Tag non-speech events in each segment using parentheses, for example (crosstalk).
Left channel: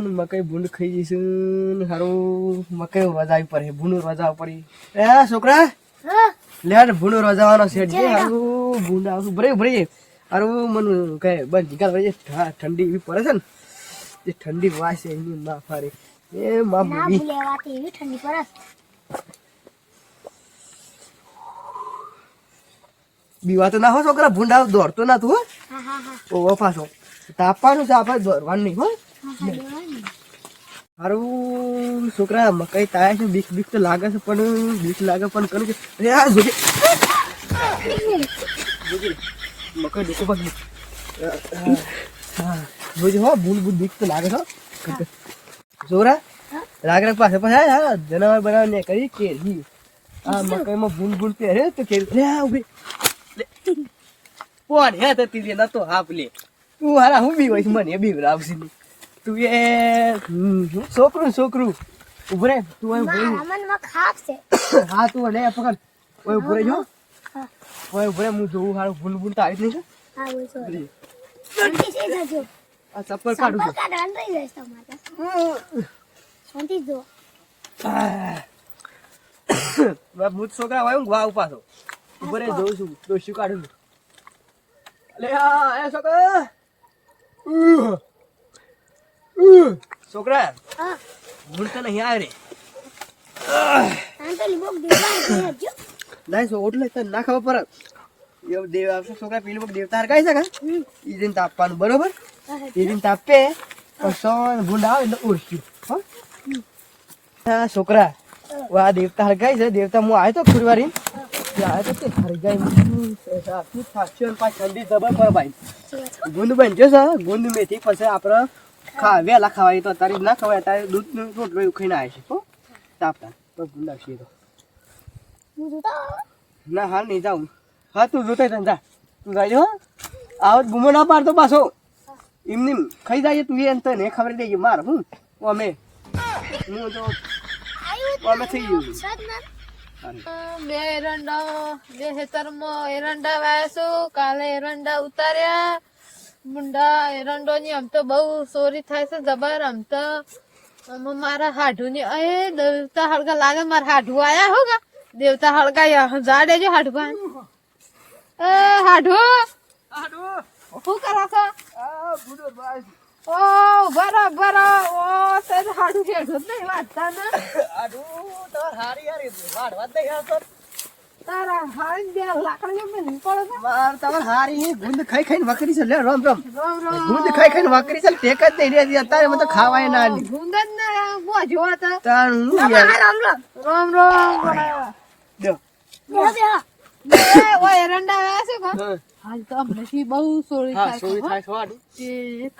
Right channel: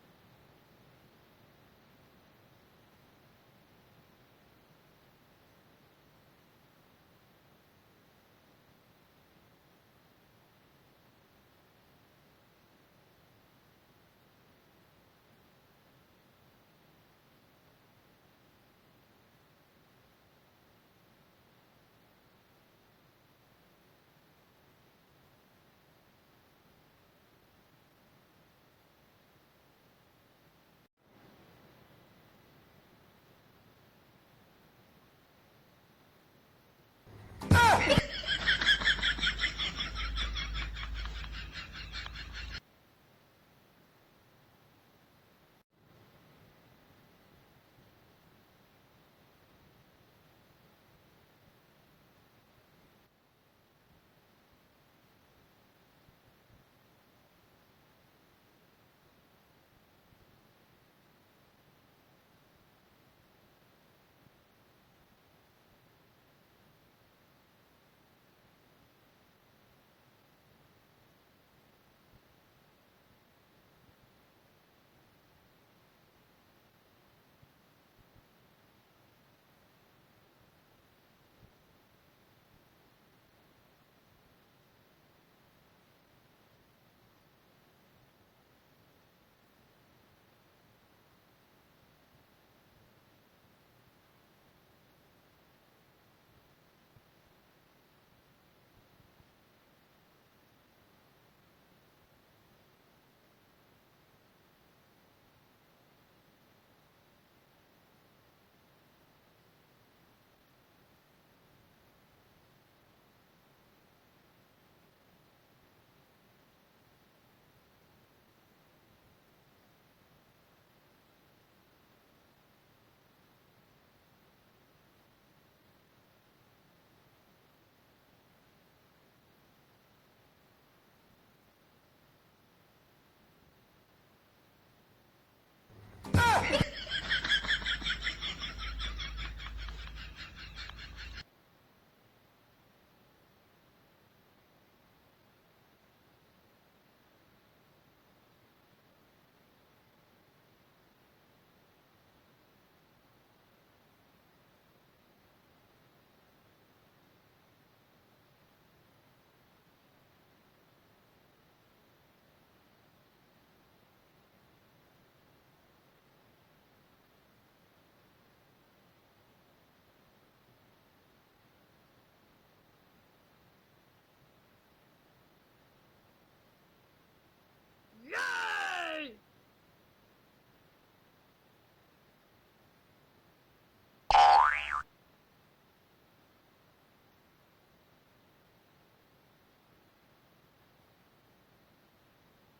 અને મકાઈ ભૂંડ ખાઈ જઈશું સારું મકાઈ રજા પડે. ભૂંડ રજાવ પડી. એ છોકરા? લે ને ભૂંડ રજાવાનો છે. હારું ભૂંડ આવશું. ભરે ભરે. હારું મન કહે બસ જીગા ભાઈ ઠંડી એવી પડે છે ને. જે ઠંડી વાસ એની માં ફારે એ માં ના ભૂલેવાતી એવી ઠંડી પડે. બીવા તો ના હો છોકરા. ભૂંડા દોડતો ના તું હો. હા હા હા. ઓ પાછો. તાપવાનું છે આપણે દોડવાનું નહીં હો. હા હા. હારું, છોકરા, મકાઈ તાય છે, બીક બીક તો લાગે છે, પણ, બીક લાગે પણ કરું કે અરે, આ જોજે. મકાઈ દેખો પગ જોજે હો, ભૂલ ભૂલ, બીક તો લાગે છે જોરા રાગ રાગ પાસે પાસે હા જનાવર બનાવીને કરી કેરી આ મકાઈમાં ભૂલ બૂંદ પહેરે તો કેરી લે, આ ઊભી. કોણ હે, તો તીજે નતો હાપ લે તું હારા, હું બી હોય મને બી રાવસી તું એ છોકરું છોકરું ઉભરે તું અહીં ઉભરે મનમાં છે. હા તું લે પકડ. ઓય ઉભરે જો. ઓય ઉભરે હું જોઉં હારું ભૂલ ભૂલ તો આવી જ નહીં હા બોલ છો છે શાંતિ થઈ જજો આ ચપ્પલ કાઢું રહી જશે તમારે. છું શાંતિ જો. મેં (coughs) ભૂત છોકરા હોય ગવા ઉપાસો ઉભરે જોઉં છું ડોસ્યું કાઢું છું. અલે આ એ છોકરા. છોકરા ભૂલ તો નહીં આવે બોક ના ઓટલે ના ખબર પર એવું દેવ આવશે છોકરા પેલું કોક દેવતા હરકાઈ શકે એ દિન તાપવાનું બરોબર? એ દિન તાપે પછી ભૂંડ આવે એટલે હા. છોકરા વા દેવતા હરગાઈ છે દેવતા હું આવ્યો તો ફુરવારી આવ્યો તો હરગાઈ ગુંદ બનજો છે ગુંદ મેથી પછી આપણે ખા વેલા ખવાય તો તારી ના ખવાય અત્યારે દૂધનું રોટ એવું ખાઈને આવે છે, હો? તાપતા તો ગુંડા છીએ તો. ના, હાલ નહીં, જાઉં. હા, તું જોતો તને, જા. તું જાય હો. આવો, ગુમો ના પાડતો પાછો. એમની ખાઈ જાય તું એ તને ખબર દઈ માર, હું? અમે. હું તો અમે થઈ ગયું. ના બે એરંડા બે હેતરમાં એરંડા વાયસો કાલે એરંડા ઉતાર્યા. મુંડા એરંડો ની આમ તો બહુ ચોરી થાય છે જબર આમ તો મારા હાઢુ ની એ દેવતા હળગા લાગે મારા હાઢુ આયા હો ગા. દેવતા હળગા જા દેજો હાઢુ એ હાઢુ શું કરો છો? ઓ બરાબર ઓ તે હાઢુ હેઠું જ નહીં વાંચતા ને. તારા હાથ બે લાકડીઓ મેં પડે છે? હારી ગુંદ ખાઈ ખાઈને વકરી છે. લે રોમ રમ. ગુંદ ખાઈ ખાઈને વકરી છે. ટેક જ નહીં રહેતી અત્યારે મને તો ખાવાય ના ની ગુંદન ને જોવા તા. તાણ હું યાર? રામ રામ. રામ રોમ. દો બેહો બેહો બે ઓય એરંડા આવ્યા છે કા? હા. હાલ તો હમણાંથી બહુ સોરી થાય છે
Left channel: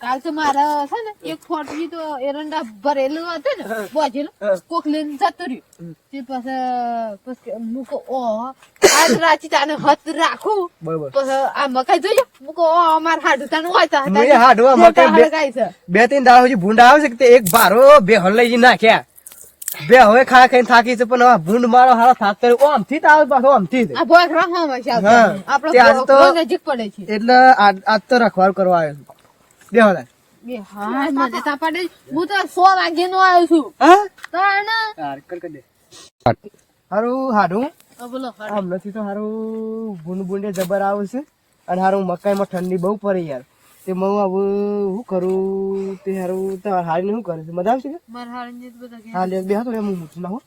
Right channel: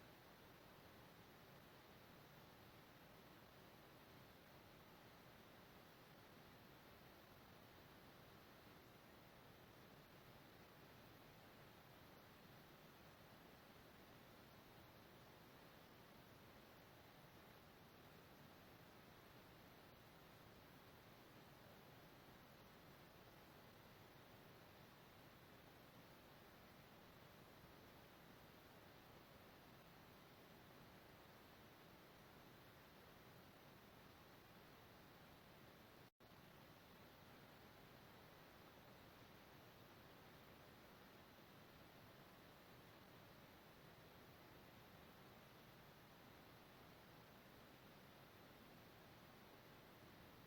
કાલ તો મારા છે ને એક ફોટવી તો એરંડા ભરેલું હતું ને બોજેલું કોક લઈને જતું રહ્યું. તે પછી પછી મૂકો ઓ આજ રાચી તાને હત રાખું. પછી આ મકાઈ જોજો. મૂકો ઓ અમાર હાડું તાનું હોય તો મેં હાડવા મકાઈ બે- હળગાઈ છે. બે ત્રણ દાડા સુધી ભૂંડ આવે છે કે એક ભારો બે હલ લઈ જઈને નાખ્યા. બે હવે ખા ખાઈને થાકી છે પણ હવે ભૂંડ મારો હારો થાક કર્યો. ઓમથી તાવ પાછો ઓમથી આ ભોય રાખવા માં છે. આપણો તે તો- નજીક પડે છે. એટલે આજ આજ તો રખવાડ કરવા આવ્યો છું. બે હવે બે હા મને તા પડે હું તો સો વાગે નો આવ્યો છું. હા? તાણ હાર કર કર દે. હારું હાડું બોલો હાડ. આમ નથી તો હારું ભૂંડ ભૂંડે જબર આવે છે. અને હારું મકાઈમાં ઠંડી બહુ પડે યાર. તે મઉ હવે શું કરું તે હારું તો હારીને શું કરે છે? મજા આવશે કે? મારા હાડ ને બધા હા લે બે હાથ હું મૂકું ના હો.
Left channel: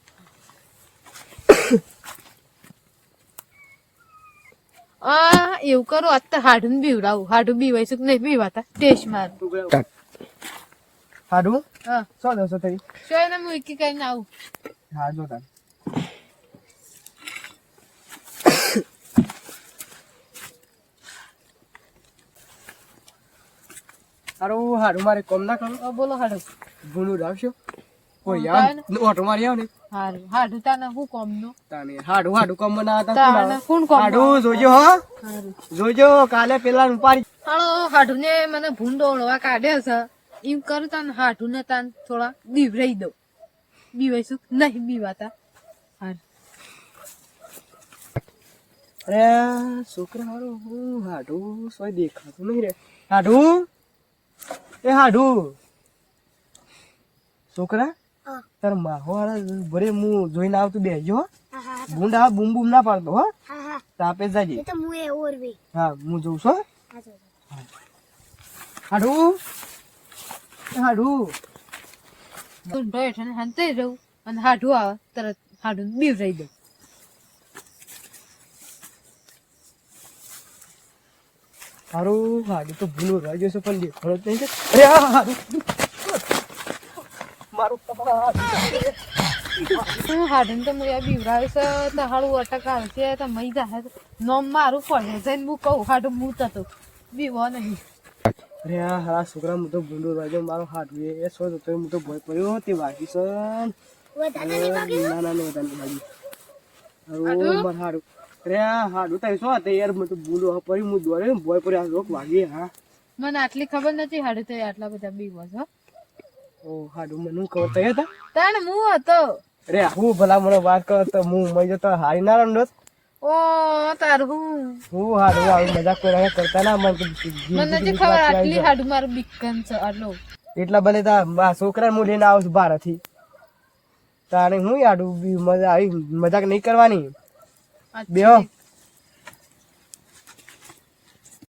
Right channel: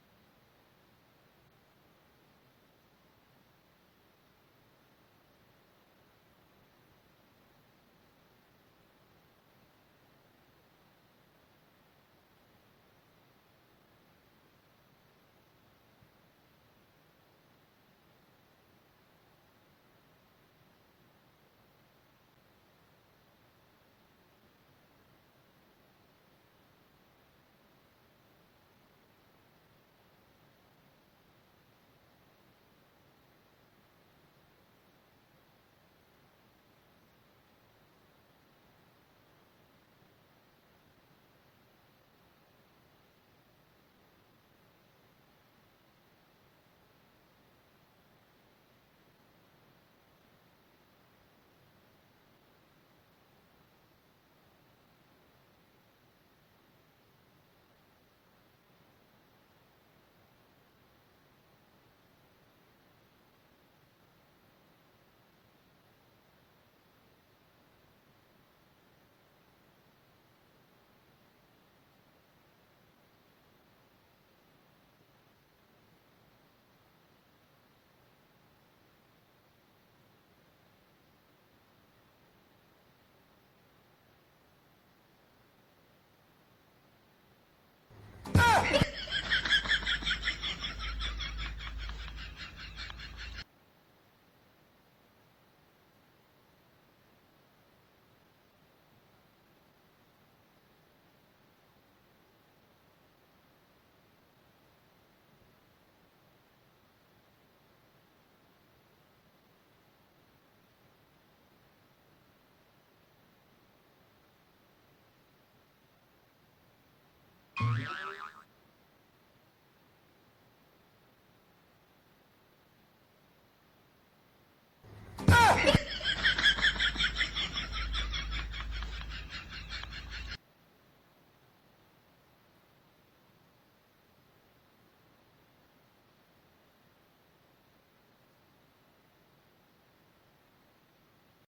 આ એવું કરો આજ તો હાડું બીવડાવું. હાડું બીવાય છે કે નહીં બીવાતા? ટેસ્ટ માર. હાડું? હા. સો દસો થઈ. સો એને હું એકી કરીને આવું. હા જો તાર. હારું હારું મારે કોમ ના કરું. બોલો હાડું ભૂંડું રાખશો કોઈ યાર ઓટો મારી આવ ને. હારું હાડું તાને હું કોમનું તાને હાડું હાડું કોમ બનાવતા તાને કોણ કોમ હાડું જોજો હો. જોજો કાલે પેલા ઉપાડી હાલો હાડું ને મને ભૂંડો ઓળવા કાઢે છે. એમ કરું તાન હાડું ને તાન થોડા બીવરાઈ દઉં. બીવાઈશું? નહીં બીવાતા. હાર. અરે છોકરા હારું હું હાડું સોય દેખાતું નહીં રે. હાડું? એ હાડું. છોકરા તાર માહો ભરે હું જોઈને આવતું બેજો આ બૂમ બૂમ ના પાડતો હો. હા હા. તાપે જાજે. હું હા હું જોઉં છું હાડુ. હાડું હાડું. ઊંધો હેઠળ હંતે રહું અને હાડું આવે તરત હાડું બીવ રહી દઉં. હારું હાડી તો ભૂલું રહી છે પણ દેખાડો જ નહીં છે. અરે હા હાડું મારું હાડીને તો મેં બીવરાવે છે તો હાડું અટક આવશે તો મઈ જાય નોમ મારું પડે જઈને હું કહું હાડું મૂત હતો બીવો નહીં. અરે હા હારા છોકરા હું તો ભૂલું રહી મારો મારું હાડું એ સો તો હું તો ભય પડ્યો તે છે નહીં વાગે? ના ના ના વધારે વાગી. હારું? માર હાડું હા હાડું તો શું હતું યાર? હું તો ભૂલું હા પડી હું દોડે ભય પડ્યો આ રોક વાગી હા. મને આટલી ખબર નથી હાડું તો આટલા બધા બી છો ઓ હાડું મને ખબર તૈયાર હતા? તાણ હું હતો. રે હું ભલા મને વાત કરો તો હું મઈ જતો હારી ના રંડો ઓ તાર હું. હું હારું આવી મજાક કોઈ કરતા ના મને મને નથી ખબર આટલી હાડું મારું બીકન છે આટલો. એટલા ભલે તા આ છોકરા હું લઈને આવું છું બહારથી તારે હું બી મજા આવી મજાક નહીં કરવાની? બેહો.